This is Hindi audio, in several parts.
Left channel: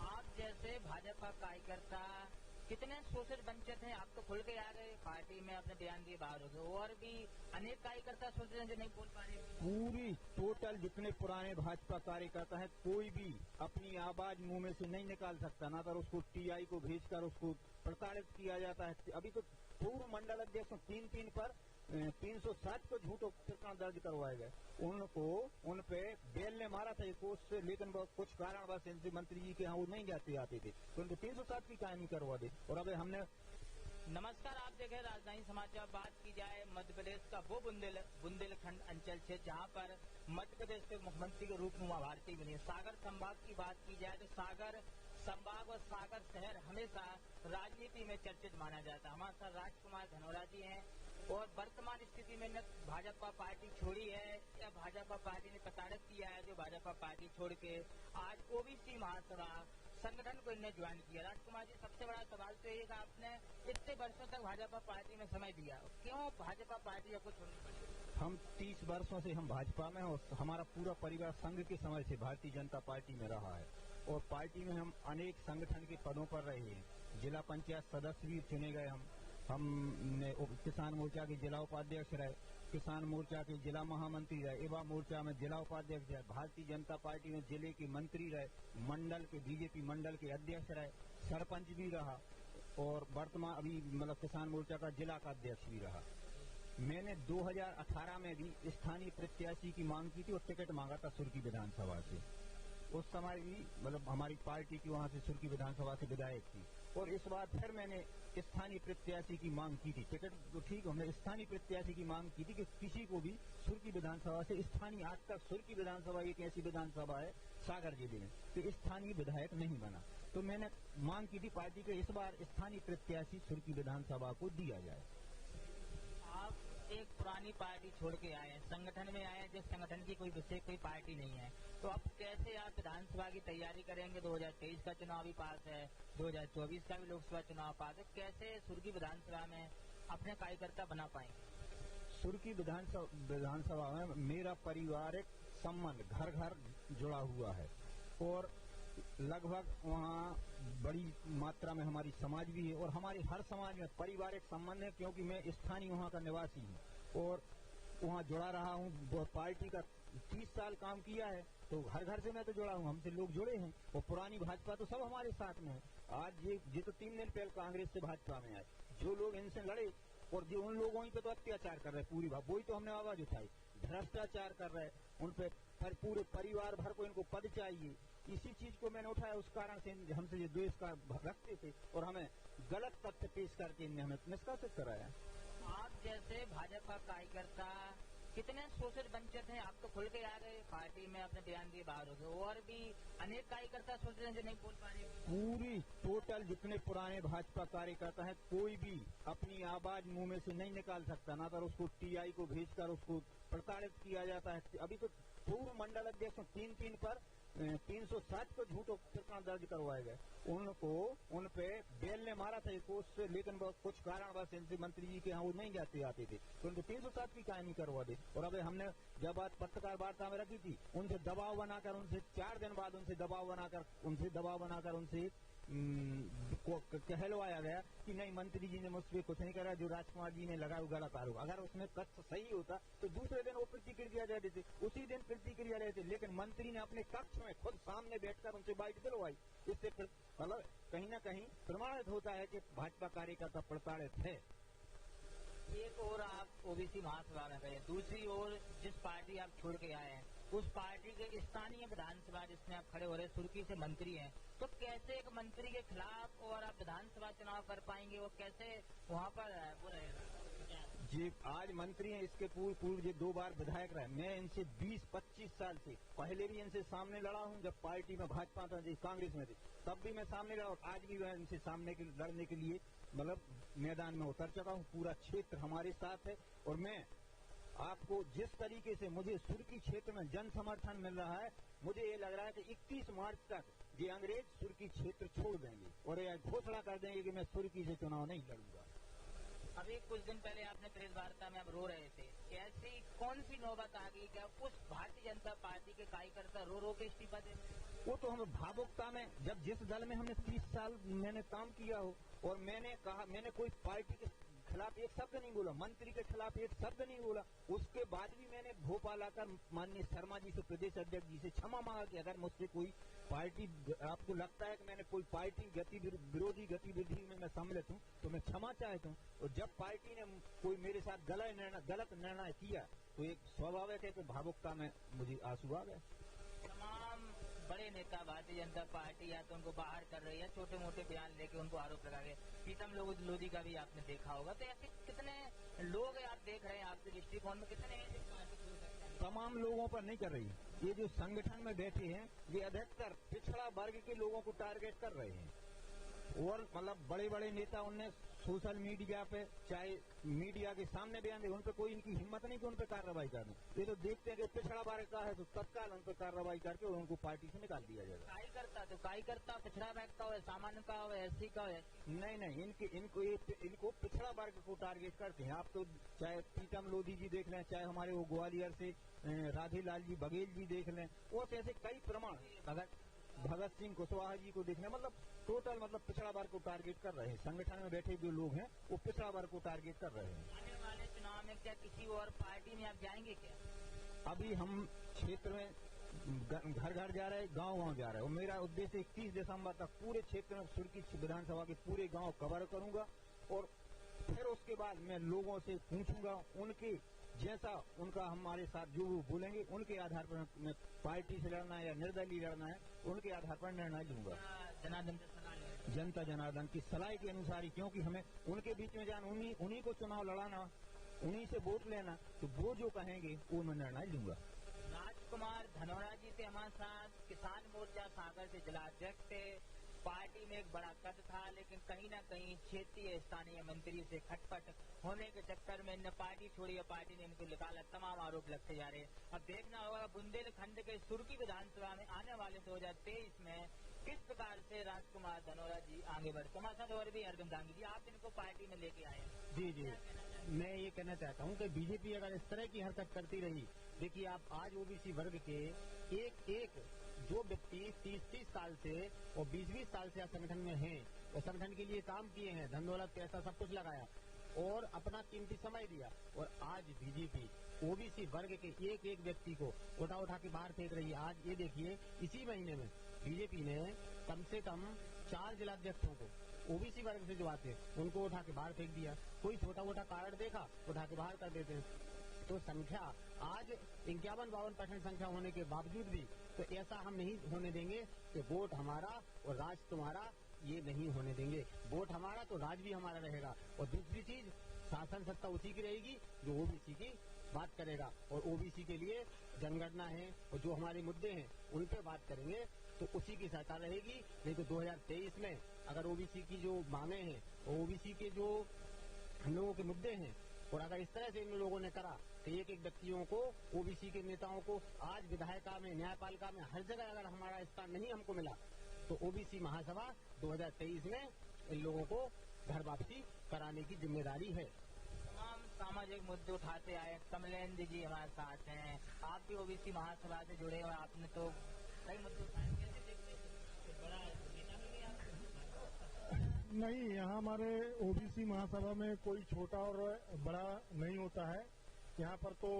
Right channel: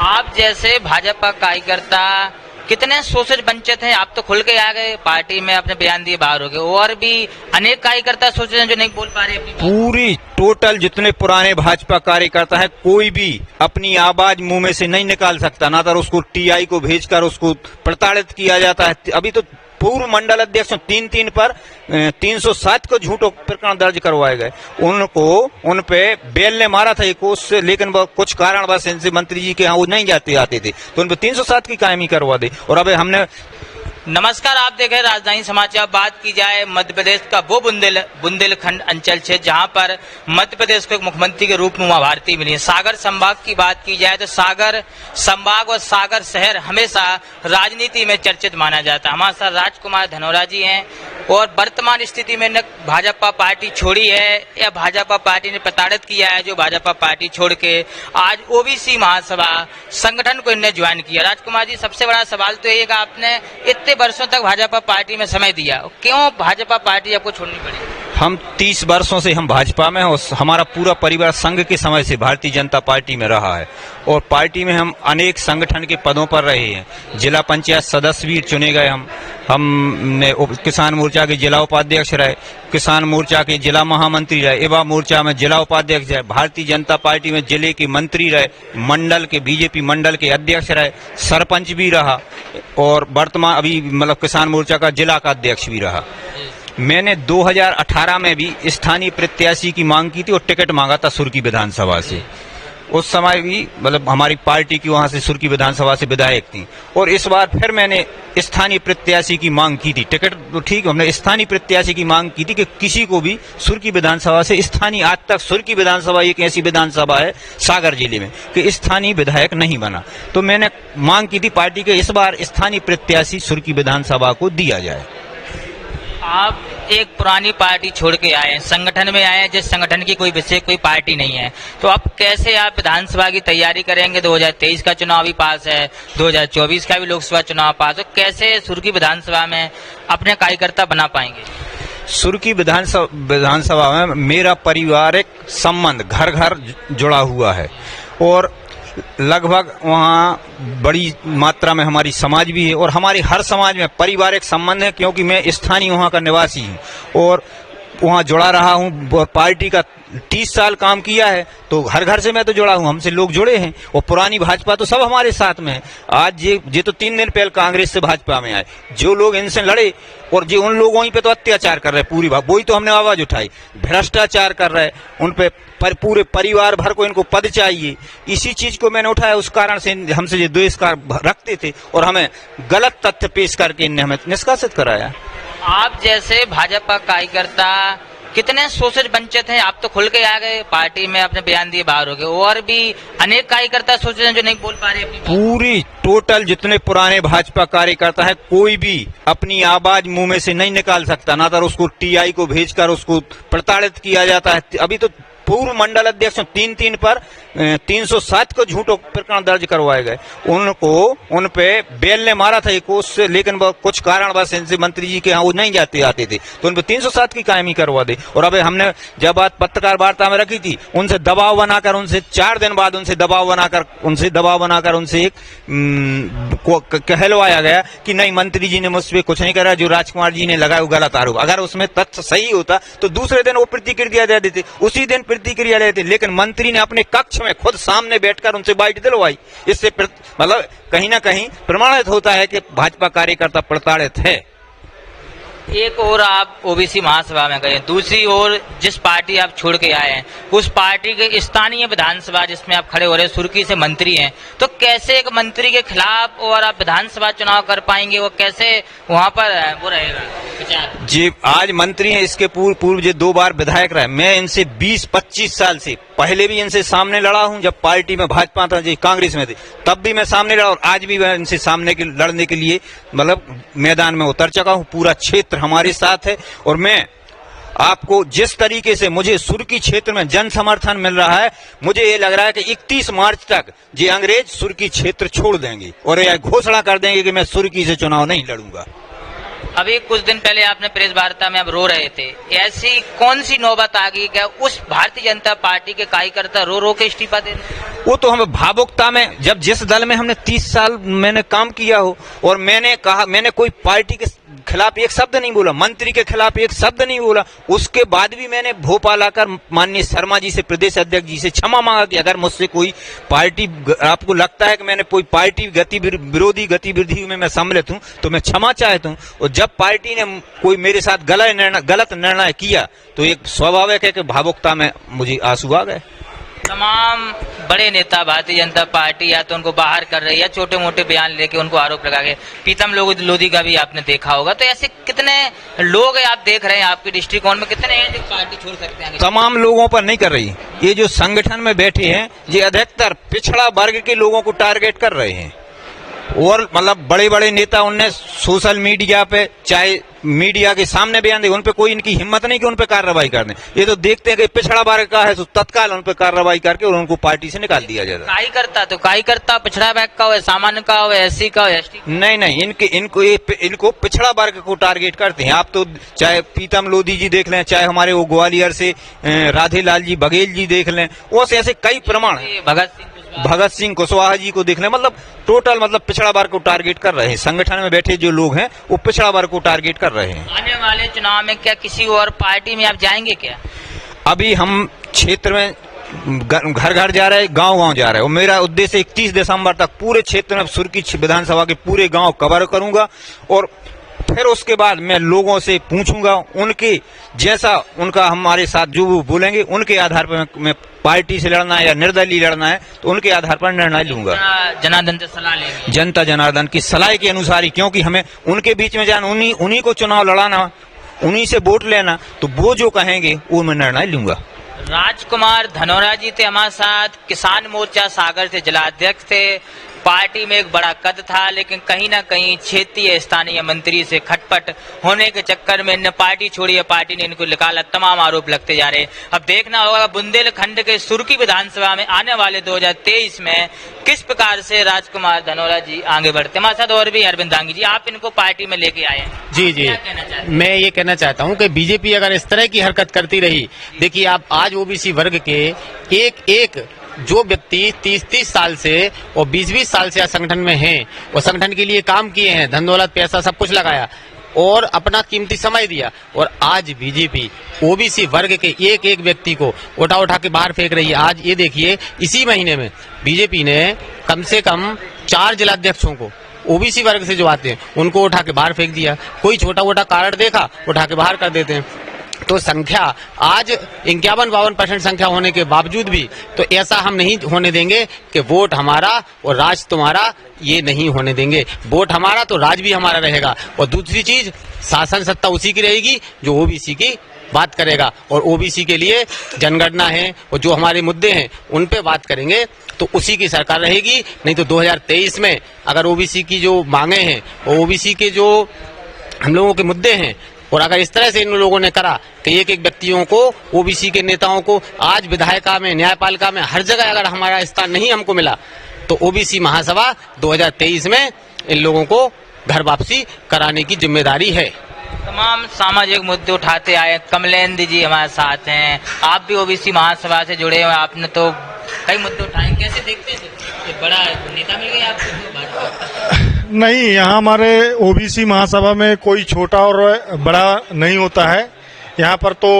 आप जैसे भाजपा कार्यकर्ता कितने शोषित वंचित हैं। आप तो खुल के आ गए, पार्टी में अपने बयान दिए बाहर हो गए, और भी अनेक कार्यकर्ता शोषित हैं जो नहीं बोल पा रहे अपनी बात। पूरी टोटल जितने पुराने भाजपा कार्यकर्ता है, कोई भी अपनी आवाज मुंह में से नहीं निकाल सकता, ना तो उसको टीआई को भेजकर उसको प्रताड़ित किया जाता है। अभी तो पूर्व मंडल अध्यक्ष 3 पर 307 को झूठो प्रकरण दर्ज करवाए गए। उन पे बेल ने मारा था एक उससे, लेकिन वो कुछ कारणवश इनसे मंत्री जी के यहाँ वो नहीं आते थे, तो उन पे 307 की कायमी करवा दी। और अब हमने नमस्कार, आप देख रहे हैं राजधानी समाचार। बात की जाए मध्य प्रदेश का वो बुंदेलखंड अंचल क्षेत्र जहां पर मध्य प्रदेश को एक मुख्यमंत्री के रूप में उमा भारती मिली है। सागर संभाग की बात की जाए तो सागर संभाग और सागर शहर हमेशा राजनीति में चर्चित माना जाता है। हमारे साथ राजकुमार धनोरा जी हैं, और वर्तमान स्थिति में न भाजपा पार्टी छोड़ी है या भाजपा पार्टी ने प्रताड़ित किया है, जो भाजपा पार्टी छोड़ के आज ओबीसी महासभा संगठन को इन्हें ज्वाइन किया। राजकुमार जी, सबसे बड़ा सवाल तो ये कि आपने इतने वर्षों तक भाजपा पार्टी में समय दिया, क्यों भाजपा पार्टी आपको छोड़नी पड़ी? हम 30 वर्षों से हम भाजपा में, और हमारा पूरा परिवार संघ के समय से भारतीय जनता पार्टी में रहा है, और पार्टी में हम अनेक संगठन के पदों पर रहे हैं। जिला पंचायत सदस्य भी चुने गए, हमने किसान मोर्चा के जिला उपाध्यक्ष रहे, किसान मोर्चा के जिला महामंत्री रहे, युवा मोर्चा में जिला उपाध्यक्ष रहे, भारतीय जनता पार्टी में जिले के मंत्री रहे, मंडल के बीजेपी मंडल के अध्यक्ष रहे, सरपंच भी रहा, और वर्तमान अभी मतलब किसान मोर्चा का जिला का अध्यक्ष भी रहा। मैंने 2018 में भी स्थानीय प्रत्याशी की मांग की थी और टिकट मांगा था सुर्की विधानसभा से। उस समय भी मतलब हमारी पार्टी की वहां से सुर्की विधानसभा से विधायक थी, और इस बार फिर मैंने स्थानीय प्रत्याशी की मांग की थी। टिकट तो ठीक, हमने स्थानीय प्रत्याशी की मांग की थी कि किसी को भी सुर्की विधानसभा से स्थानीय, आज तक सुर्की विधानसभा एक ऐसी विधानसभा है सागर जिले में कि स्थानीय विधायक नहीं बना, तो मैंने मांग की थी पार्टी के इस बार स्थानीय प्रत्याशी सुर्की विधानसभा को दिया जाए। आप एक पुरानी पार्टी छोड़ के आए हैं, संगठन में आए हैं जिस संगठन की कोई विशेष कोई पार्टी नहीं है, तो अब कैसे आप विधानसभा की तैयारी करेंगे? 2023 का चुनाव भी पास है, 2024 का भी लोकसभा चुनाव पास है, कैसे सुर्की विधानसभा में अपने कार्यकर्ता बना पाएंगे? सुर्की विधानसभा में मेरा पारिवारिक संबंध घर घर जुड़ा हुआ है, और लगभग वहाँ बड़ी मात्रा में हमारी समाज भी है, और हमारी हर समाज में पारिवारिक संबंध है, क्योंकि मैं स्थानीय वहाँ का निवासी हूँ और वहाँ जुड़ा रहा हूँ, और पार्टी का 30 साल काम किया है, तो हर घर से मैं तो जुड़ा हूँ, हमसे लोग जुड़े हैं, और पुरानी भाजपा तो सब हमारे साथ में है। आज ये तो 3 दिन पहले कांग्रेस से भाजपा में आए, जो लोग इनसे लड़े और जो उन लोगों पे तो अत्याचार कर रहे पूरी वही तो हमने आवाज उठाई, भ्रष्टाचार कर रहे उन पे, पर पूरे परिवार भर को इनको पद चाहिए, इसी चीज को मैंने उठाया। उस कारण से हमसे जो द्वेष का रखते थे और हमें गलत तथ्य पेश करके इनने हमें निष्कासित कराया। आप जैसे भाजपा कार्यकर्ता कितने शोषित वंचित हैं। आप तो खुल के आ गए, पार्टी में अपने बयान दिए बाहर हो गए, और भी अनेक कार्यकर्ता शोषित हैं जो नहीं बोल पा रहे अपनी बात। पूरी टोटल जितने पुराने भाजपा कार्यकर्ता है, कोई भी अपनी आवाज मुंह में से नहीं निकाल सकता, ना तो उसको टीआई को भेजकर उसको प्रताड़ित किया जाता है। अभी तो पूर्व मंडल अध्यक्ष 3 पर 307 को झूठो प्रकरण दर्ज करवाए गए। उन पे बेल ने मारा था एक उससे, लेकिन वो कुछ कारणवश इनसे मंत्री जी के यहाँ वो नहीं आते थे, तो उन पे 307 की कायमी करवा दी। और अब हमने जब बात पत्रकार वार्ता में रखी थी, उनसे दबाव बनाकर, उनसे 4 दिन बाद उनसे दबाव बनाकर उनसे एक कहलवाया गया कि नहीं, मंत्री जी ने मुझ पर कुछ नहीं करा, जो राजकुमार जी ने लगाया वो गलत आरोप। अगर उसमें तथ्य सही होता तो दूसरे दिन वो प्रतिक्रिया दे देते, उसी दिन प्रतिक्रिया लेते, लेकिन मंत्री ने अपने कक्ष में खुद सामने बैठकर उनसे बाइट दिलवाई। इससे मतलब कहीं ना कहीं प्रमाणित होता है कि भाजपा कार्यकर्ता प्रताड़ित है। एक और आप ओबीसी महासभा में गए, दूसरी ओर जिस पार्टी आप छोड़ के आए हैं उस पार्टी के स्थानीय विधानसभा जिसमें आप खड़े हो रहे हैं, सुर्की से मंत्री हैं, तो कैसे एक मंत्री के खिलाफ और आप विधानसभा चुनाव कर पाएंगे? वो कैसे वहां पर वो रहेगा विचार? जी, आज मंत्री हैं, इसके पूर्व जो 2 बार विधायक रहे। मैं इनसे 20-25 साल से पहले भी इनसे सामने लड़ा हूं, जब पार्टी में भाजपा था, जी कांग्रेस में थे, तब भी मैं सामने लड़ा, और आज भी मैं इनसे सामने लड़ने के लिए मतलब मैदान में उतर चुका हूं। पूरा क्षेत्र हमारे साथ है, और मैं आपको जिस तरीके से मुझे सुर्की क्षेत्र में जन समर्थन मिल रहा है, मुझे ये लग रहा है कि 31 मार्च तक ये अंग्रेज सुर्की क्षेत्र छोड़ देंगे और यह घोषणा कर देंगे कि मैं सुर्की से चुनाव नहीं लड़ूंगा। अभी कुछ दिन पहले आपने प्रेस वार्ता में अब रो रहे थे, ऐसी कौन सी नौबत आ गई क्या उस भारतीय जनता पार्टी के कार्यकर्ता रो रो के इस्तीफा दे रहे? वो तो हमें भावुकता में, जब जिस दल में हमने 30 साल मैंने काम किया हो और मैंने कहा, मैंने कोई पार्टी के खिलाफ एक शब्द नहीं बोला, मंत्री के खिलाफ एक शब्द नहीं बोला, उसके बाद भी मैंने भोपाल आकर माननीय शर्मा जी से, प्रदेश अध्यक्ष जी से क्षमा मांगा कि अगर मुझसे कोई पार्टी, आपको लगता है कि मैंने कोई पार्टी विरोधी गतिविधि में मैं सम्मिलित हूँ तो मैं क्षमा चाहता हूँ। और जब पार्टी ने कोई मेरे साथ गलत निर्णय किया तो एक स्वाभाविक है कि भावुकता में मुझे आंसू आ गए। तमाम बड़े नेता भारतीय जनता पार्टी या तो उनको बाहर कर रही है, छोटे मोटे बयान लेके उनको आरोप लगा के, प्रीतम लोधी का भी आपने देखा होगा। तो ऐसे कितने लोग आप देख रहे हैं आपके दृष्टिकोण में, कितने हैं जो पार्टी छोड़ सकते हैं? तमाम लोगों पर नहीं कर रही, ये जो संगठन में बैठे हैं ये अधिकतर पिछड़ा वर्ग के लोगों को टारगेट कर रहे हैं। और मतलब बड़े बड़े नेता उनने सोशल मीडिया पे, चाहे मीडिया के सामने बयान दे, उन पे कोई इनकी हिम्मत नहीं कि उन पे कार्रवाई कर दें। ये तो देखते हैं कि पिछड़ा वर्ग का है तो तत्काल उन पे कार्रवाई करके और उनको पार्टी से निकाल दिया जाता है। कार्यकर्ता पिछड़ा वर्ग का हो, सामान्य का हो, एससी का हो, एसटी? नहीं, इनको पिछड़ा वर्ग को टारगेट करते हैं। आप तो चाहे प्रीतम लोधी जी देख लें, चाहे हमारे वो ग्वालियर से राधे लाल जी बघेल जी देख लें, वो ऐसे कई प्रमाण है, भगत सिंह कुशवाहा जी को देख लें, मतलब टोटल मतलब पिछड़ा वर्ग को टारगेट कर रहे हैं। संगठन में बैठे जो लोग हैं वो पिछड़ा वर्ग को टारगेट कर रहे हैं। आने वाले चुनाव में क्या किसी और पार्टी में आप जाएंगे क्या? अभी हम क्षेत्र में घर घर जा रहे हैं, गांव जा रहे हैं और मेरा उद्देश्य 31 दिसंबर तक पूरे क्षेत्र में सुर्की विधानसभा के पूरे गांव कवर करूंगा और फिर उसके बाद मैं लोगों से पूछूंगा, उनके जैसा उनका हमारे साथ जो वो बोलेंगे उनके आधार पर मैं पार्टी से लड़ना है या निर्दलीय लड़ना है तो उनके आधार पर निर्णय लूंगा। जनार्दन से सलाह लेंगे, जनता जनार्दन की सलाह के अनुसार ही, क्योंकि हमें उनके बीच में जाना, उन्हीं को चुनाव लड़ाना, उन्हीं से वोट लेना, तो वो जो कहेंगे वो मैं निर्णय लूंगा। राजकुमार धनोरा जी थे हमारे साथ, किसान मोर्चा सागर से जिलाध्यक्ष थे। पार्टी में एक बड़ा कद था, लेकिन कहीं ना कहीं क्षेत्रीय स्थानीय मंत्री से खटपट होने के चक्कर में इन्हें पार्टी छोड़ी है, पार्टी ने इनको निकाला। तमाम आरोप लगते जा रहे हैं। अब देखना होगा बुंदेलखंड के सुर्की विधानसभा में आने वाले 2023 में किस प्रकार से राजकुमार धनोरा जी आगे बढ़ते। हमारे साथ और भी अरविंद दांगी जी, आप इनको पार्टी में लेके आए हैं। जी, मैं ये कहना चाहता हूँ कि बीजेपी अगर इस तरह की हरकत करती रही, देखिए आप आज ओबीसी वर्ग के एक जो व्यक्ति 30 साल से और 20 साल से संगठन में हैं, वो संगठन के लिए काम किए हैं, धन दौलत पैसा सब कुछ लगाया और अपना कीमती समय दिया, और आज बीजेपी ओबीसी वर्ग के एक व्यक्ति को उठा के बाहर फेंक रही है। आज ये देखिए, इसी महीने में बीजेपी ने कम से कम 4 जिलाध्यक्षों को ओबीसी वर्ग से जो आते हैं उनको उठा के बाहर फेंक दिया। कोई छोटा मोटा कारण देखा उठा के बाहर कर देते हैं। तो संख्या आज 51-52% संख्या होने के बावजूद भी तो ऐसा हम नहीं होने देंगे कि वोट हमारा और राज तुम्हारा, ये नहीं होने देंगे। वोट हमारा तो राज भी हमारा रहेगा। और दूसरी चीज, शासन सत्ता उसी की रहेगी जो ओबीसी की बात करेगा, और ओबीसी के लिए जनगणना है और जो हमारे मुद्दे हैं उन पे बात करेंगे तो उसी की सरकार रहेगी। नहीं तो 2023 में अगर ओबीसी की जो मांगे हैं और ओबीसी के जो हम लोगों के मुद्दे हैं, और अगर इस तरह से इन लोगों ने करा कि एक व्यक्तियों को, ओबीसी के नेताओं को आज विधायिका में, न्यायपालिका में, हर जगह अगर हमारा स्थान नहीं हमको मिला तो ओबीसी महासभा 2023 में इन लोगों को घर वापसी कराने की जिम्मेदारी है। तमाम सामाजिक मुद्दे उठाते आए। कमलेंद्र जी हमारे साथ हैं, आप भी ओबीसी महासभा से जुड़े हुए, आपने तो कई मुद्दे उठाए, कैसे देखते हैं? बड़ा नेता मिल गया आपको? नहीं, यहाँ हमारे ओबीसी महासभा में कोई छोटा और बड़ा नहीं होता है। यहाँ पर तो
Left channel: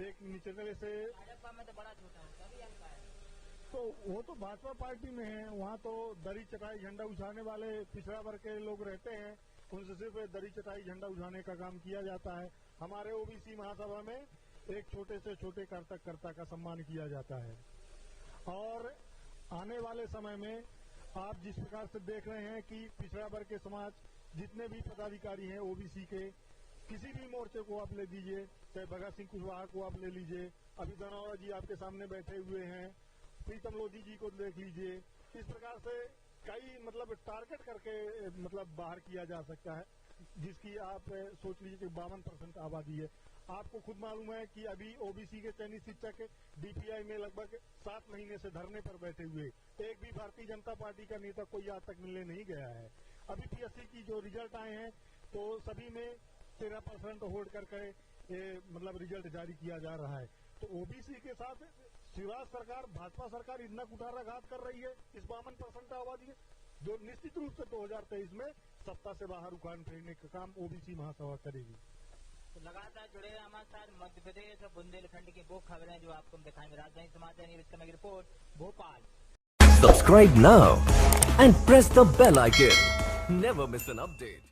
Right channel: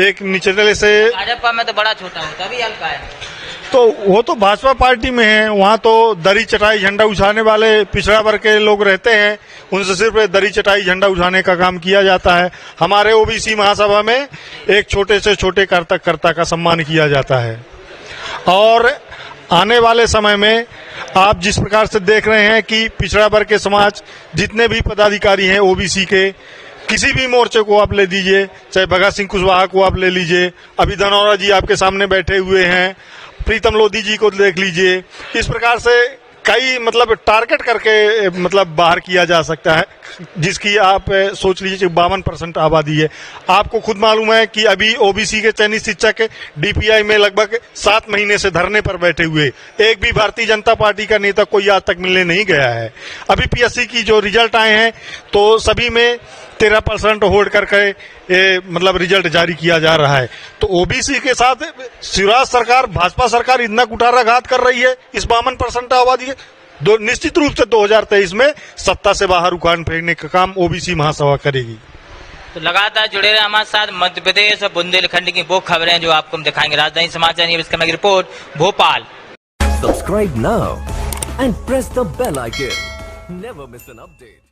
एक निचले से, भाजपा में तो बड़ा छोटा होता है, अभी हल्का है। तो वो तो भाजपा पार्टी में है, वहाँ तो दरी चटाई झंडा उठाने वाले पिछड़ा वर्ग के लोग रहते हैं, उनसे सिर्फ दरी चटाई झंडा उठाने का काम किया जाता है। हमारे ओबीसी महासभा में एक छोटे से छोटे कर्ता का सम्मान किया जाता है। और आने वाले समय में आप जिस प्रकार से देख रहे हैं कि पिछड़ा वर्ग के समाज जितने भी पदाधिकारी हैं ओबीसी के, किसी भी मोर्चे को आप ले दीजिए, चाहे भगत सिंह कुशवाहा को आप ले लीजिए, अभी धनौरा जी आपके सामने बैठे हुए हैं, प्रीतम लोधी जी को देख लीजिए, इस प्रकार से कई मतलब टारगेट करके मतलब बाहर किया जा सकता है, जिसकी आप सोच लीजिए 52% आबादी है। आपको खुद मालूम है कि अभी ओबीसी के चयनित शिक्षक डीपीआई में लगभग 7 महीने से धरने पर बैठे हुए, एक भी भारतीय जनता पार्टी का नेता कोई आज तक मिलने नहीं गया है। अभी पीएससी की जो रिजल्ट आए हैं तो सभी में 13% होल्ड करके मतलब रिजल्ट जारी किया जा रहा है। तो ओबीसी के साथ शिवराज सरकार, भाजपा सरकार इतना कुठाराघात कर रही है इस 52% आबादी के, निश्चित रूप से 2023 में सत्ता से बाहर उखाड़ फेंकने का काम ओबीसी महासभा करेगी। तो लगातार जुड़े रहे हमारे साथ मध्य प्रदेश और बुंदेलखंड की वो खबरें जो आपको हम दिखाएंगे। राजधानी समाचार न्यूज की report Bhopal. Subscribe now and press the bell icon. Never miss an update.